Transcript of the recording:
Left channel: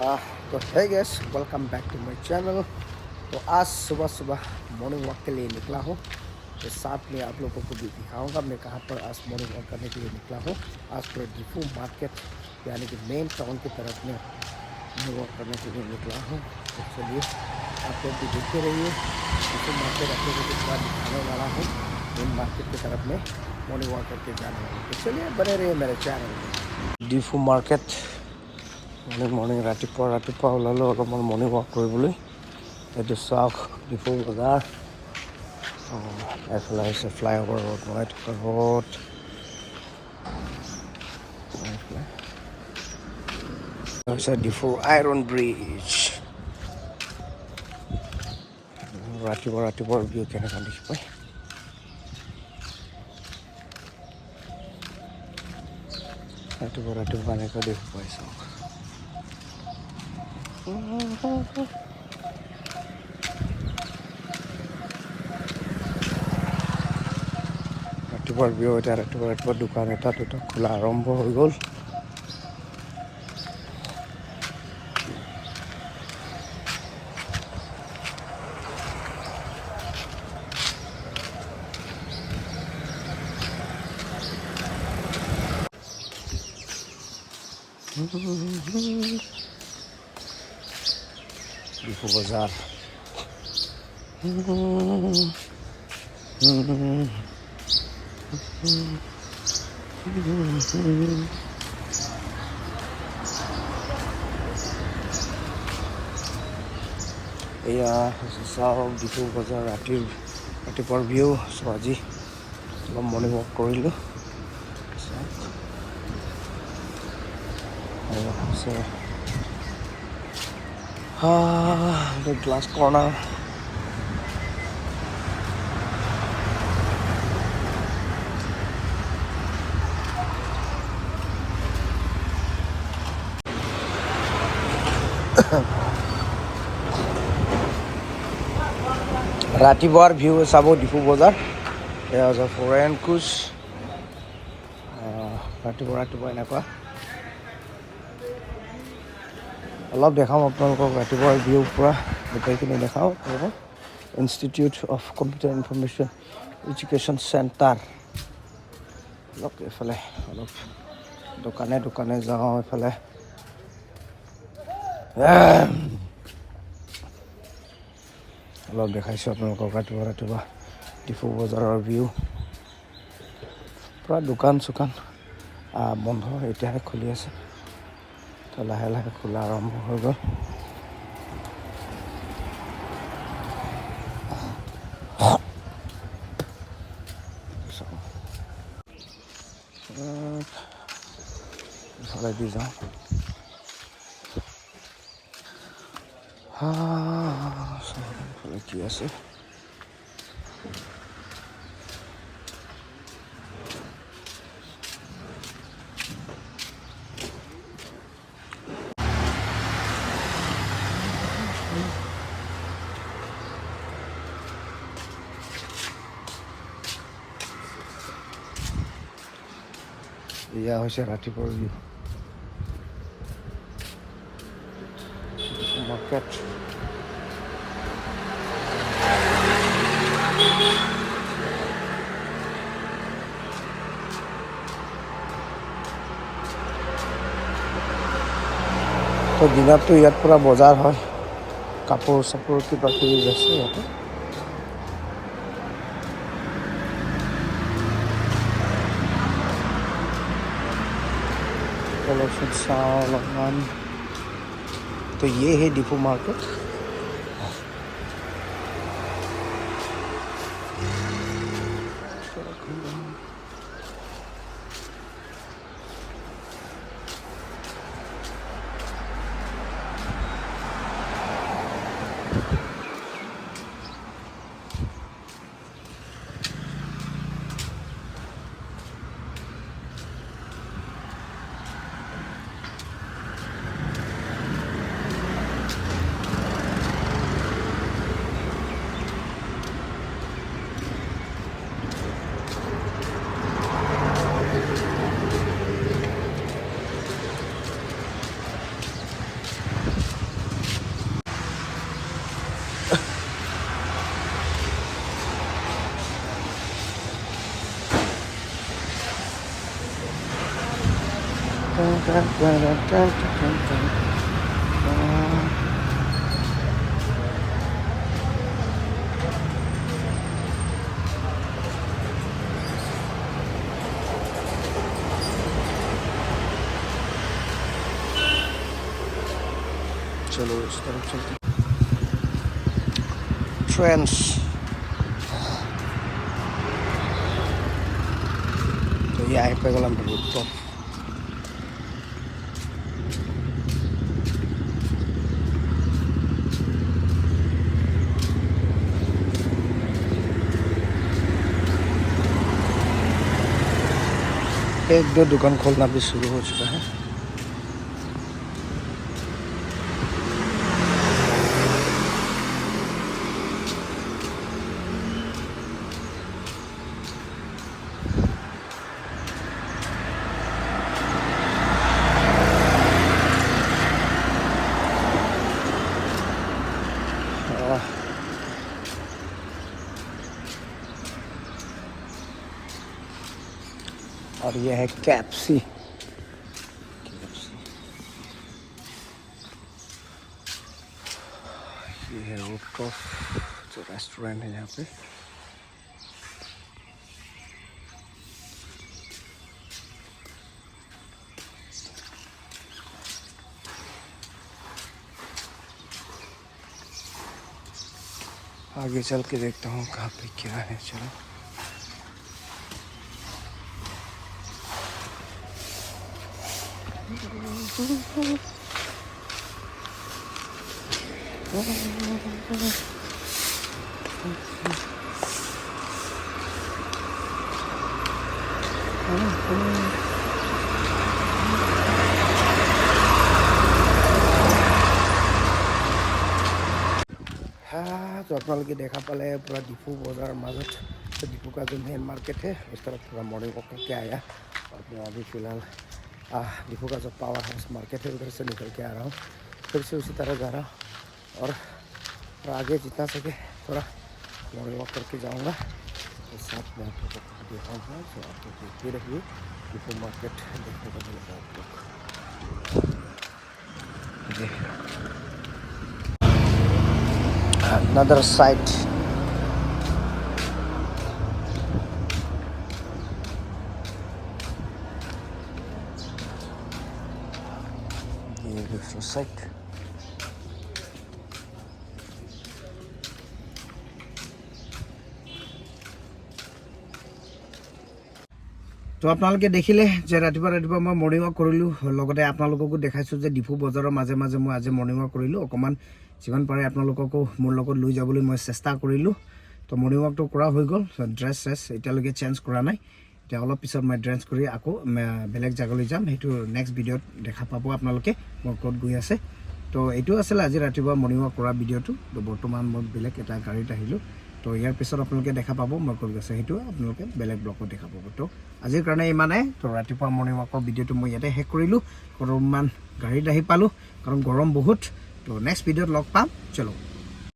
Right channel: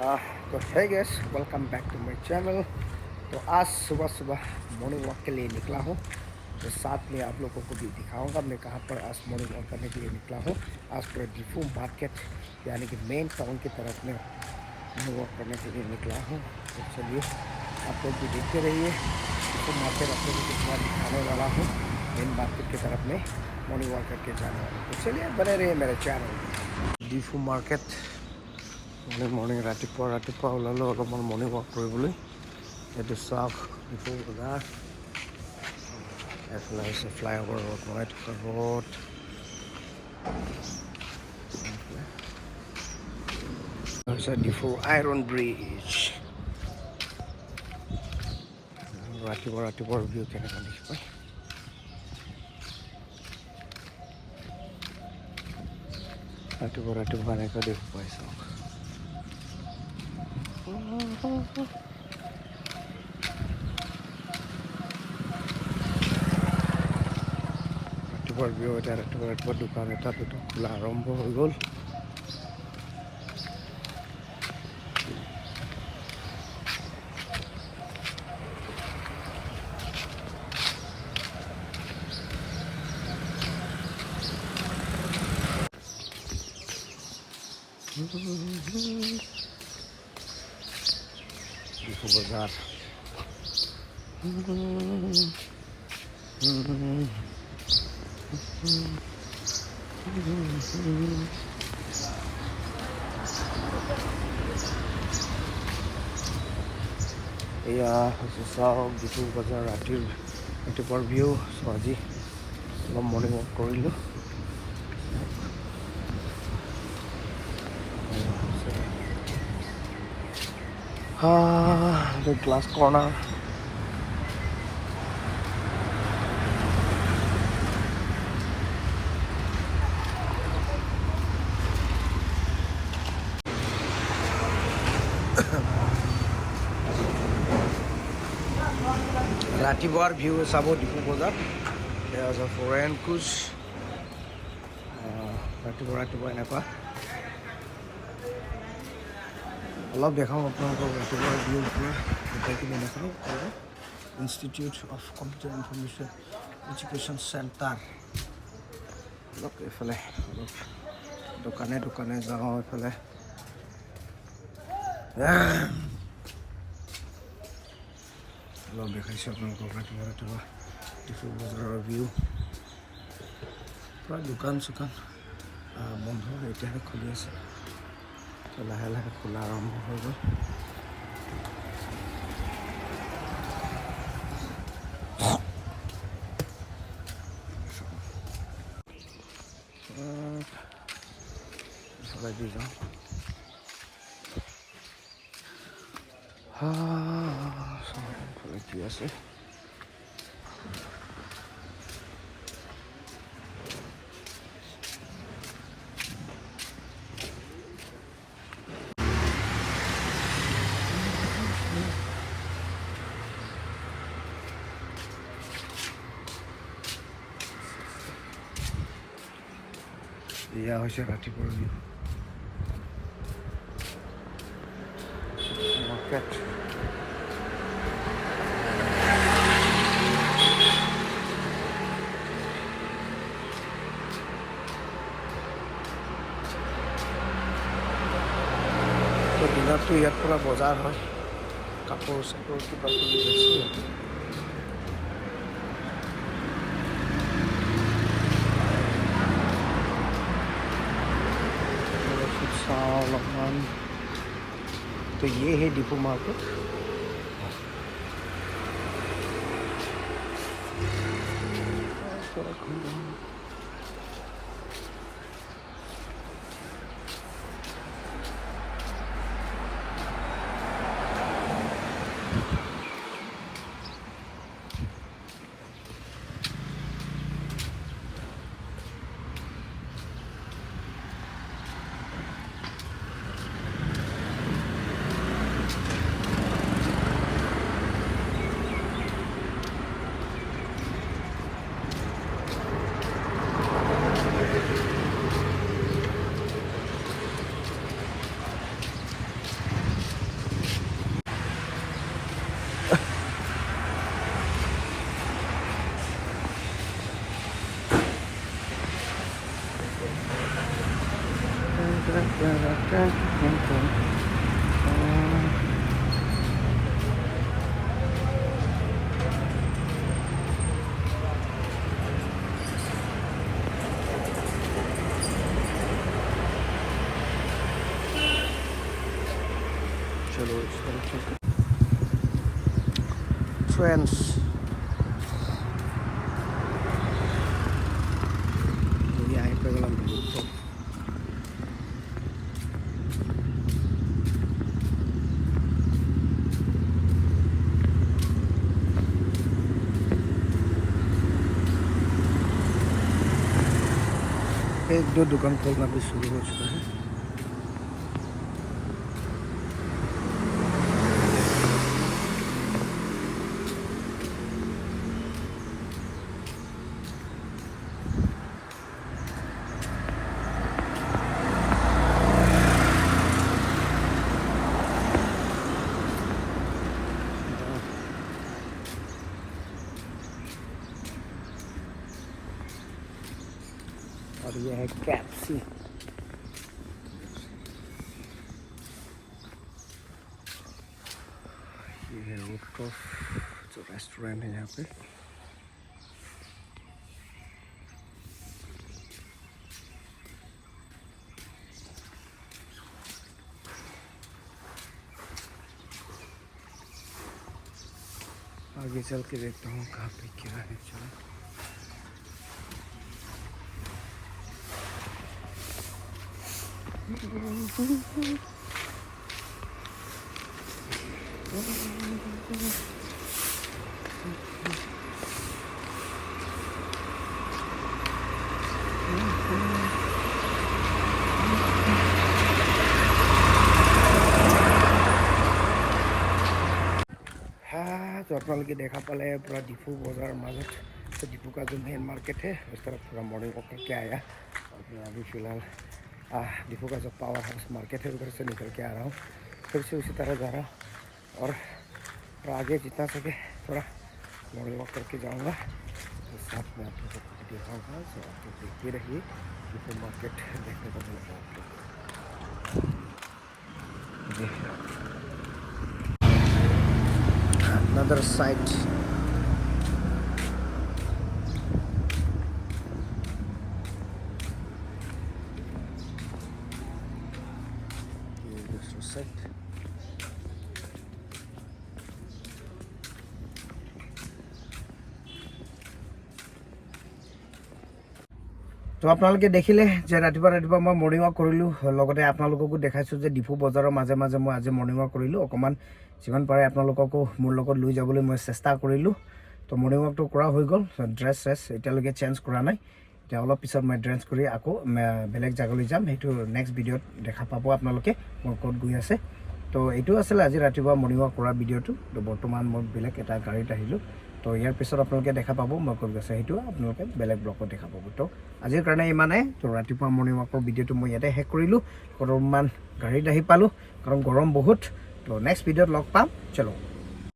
तो है guys, welcome back to my channel. तो आज सुबह सुबह मॉर्निंग वॉक के लिए निकला हूँ। तो साथ में आप लोगों को भी दिखाऊंगा मैं कहाँ पर आज मॉर्निंग वॉक करने के लिए निकला हूँ। आज पूरा डिफू मार्केट यानी कि मेन टाउन की तरफ में मॉर्निंग वॉक करने के लिए निकला हूँ। तो चलिए आप लोग भी देखते रहिए। डिफू मार्केट आप लोगों को पूरा दिखाने वाला हूँ। मेन मार्केट की तरफ में मॉर्निंग वॉक करके जाने वाले। तो चलिए बने रहिए मेरे चैनल में। डिफू मार्केट मॉर्निंग रातिपुৱা ওলালোঁ অলপমান মৰ্ণিং ৱাক কৰিবলৈ। এইটো চাওক ডিফু বজাৰ। এইফালে হৈছে ফ্লাইঅভাৰ ৰোড, বনাই থকা ৰোড। হৈছে ডিফু আইৰণ ব্ৰিজ। ৰাতিপুৱাৰ ভিউ কেনেকুৱা দেখি পায়। ৰাতিপুৱা এনেকুৱা দেখি পাই চাওক। ৰাতিপুৱাৰ ভিউ এতিয়া ৰাতিপুৱা দোকান এটা দুটা খোলা আৰম্ভ হৈ গ'ল। ডিফু বজাৰ এয়া হৈছে চাওক ডিফু বজাৰ ৰাতিপুৱাৰ ভিউ। চ' আজি অলপ মৰ্ণিং ৱাক কৰিলোঁ। the glass corner. ৰাতিপুৱাৰ ভিউ চাব ডিফু বজাৰ। এয়া হৈছে ফৰেন কুচ। ৰাতিপুৱা এনেকুৱা অলপ দেখাম আপোনালোকক। ৰাতিপুৱাৰ ভিউ পূৰা গোটেইখিনি দেখাওঁ। Institute of computer information education centre. অলপ এইফালে অলপ দোকানে যাওঁ। এইফালে অলপ দেখাইছোঁ আপোনালোকক ৰাতিপুৱা ডিফু বজাৰৰ ভিউ। পূৰা দোকান চোকান বন্ধ, এতিয়াহে খুলি আছে। তো লাহে লাহে খোলা আৰম্ভ হৈ গ'ল। ইফালে দি যাওঁ। চহৰফালে কি আছে এয়া হৈছে ৰাতিপুৱাৰ ভিউ মাৰ্কেট। তো দিনততো ইয়াত পূৰা বজাৰ হয়, কাপোৰ চাপোৰ কিবা কিবি আছে ইয়াতে। চাওঁ অলপমান। तो ये है डिफू मार्केट। चलो इस तरफ चलते ट्रेंड्स तो यहाँ पे गलम रूपटॉप एक दो दुकान खोलना भी शुरू हो चुका है और यह है कैप्सी ये है रूफटॉप जो रेस्टोरेंट है यहाँ पे आगे चल के देखता हूँ कहाँ पे क्या है चलो हाँ तो अपने देखा पाले पूरा डिफू बाजार मजत तो डिफू का जो मेन मार्केट है उस तरफ थोड़ा मॉर्निंग वॉक करके आया और मैं अभी फ़िलहाल डिफू का जो पावर हाउस मार्केट है उधर से निकल के आ रहा हूँ फिर से उसी तरह जा रहा हूँ और आगे जितना सके थोड़ा मॉर्निंग वॉक करके जाऊँगा तो साथ में आप लोगों को दिखाऊँगा तो आप लोग देखते रहिए डिफू मार्केट देखने को मिलेगा आप लोग another site ये दूसरा साइट तो आपनालोके देखिले जे रातिपुवा मैं मर्निंग वॉक करिलो लगते आपनालोकको देखाइছো जे डिफू बजाৰৰ মাজে মাজে মই আজি मर्निंग वॉक करिलो অকমান जिमान पारे आपनालोकको मोर লগত লৈ যাবলৈ মই চেষ্টা কৰিলো तो मर्निंग वॉक तो কৰা হৈ গল ड्रेस এতিয়ালৈকে চেঞ্জ কৰা নাই এতিয়া অলপ পিছত মই ড্ৰেছ কৰি আকৌ বেলেগ জাগালৈ যাম হেতু নেক্সট ভিডিওত দেখা পাবো आपनालोके মই ক'ত গৈ আছে তো এইটো আছিল আজি ৰাতিপুৱা মৰ্নিং ওয়াক কৰা ভিডিওটো তো বৰ্তমান মই বেলেগ এটা গাড়ীত আহিলো তো ইয়াৰ পিছত আপোনালোকে দেখা পাবো মই ক'ত গৈছে হেতু আপোনালোকে বেলেগ ব্লগত দেখা পাবো তো আজিৰ কাৰণে ইমানে তো ৰাতিপুৱা মৰ্নিং ওয়াকৰ ভিডিওটো মই ইয়াতে শেষ কৰিলো বৰ্তমান গাড়ীত আহি পালো কাৰণ গৰম বহুত তো নেক্সট ভিডিওত লগ পাম চলো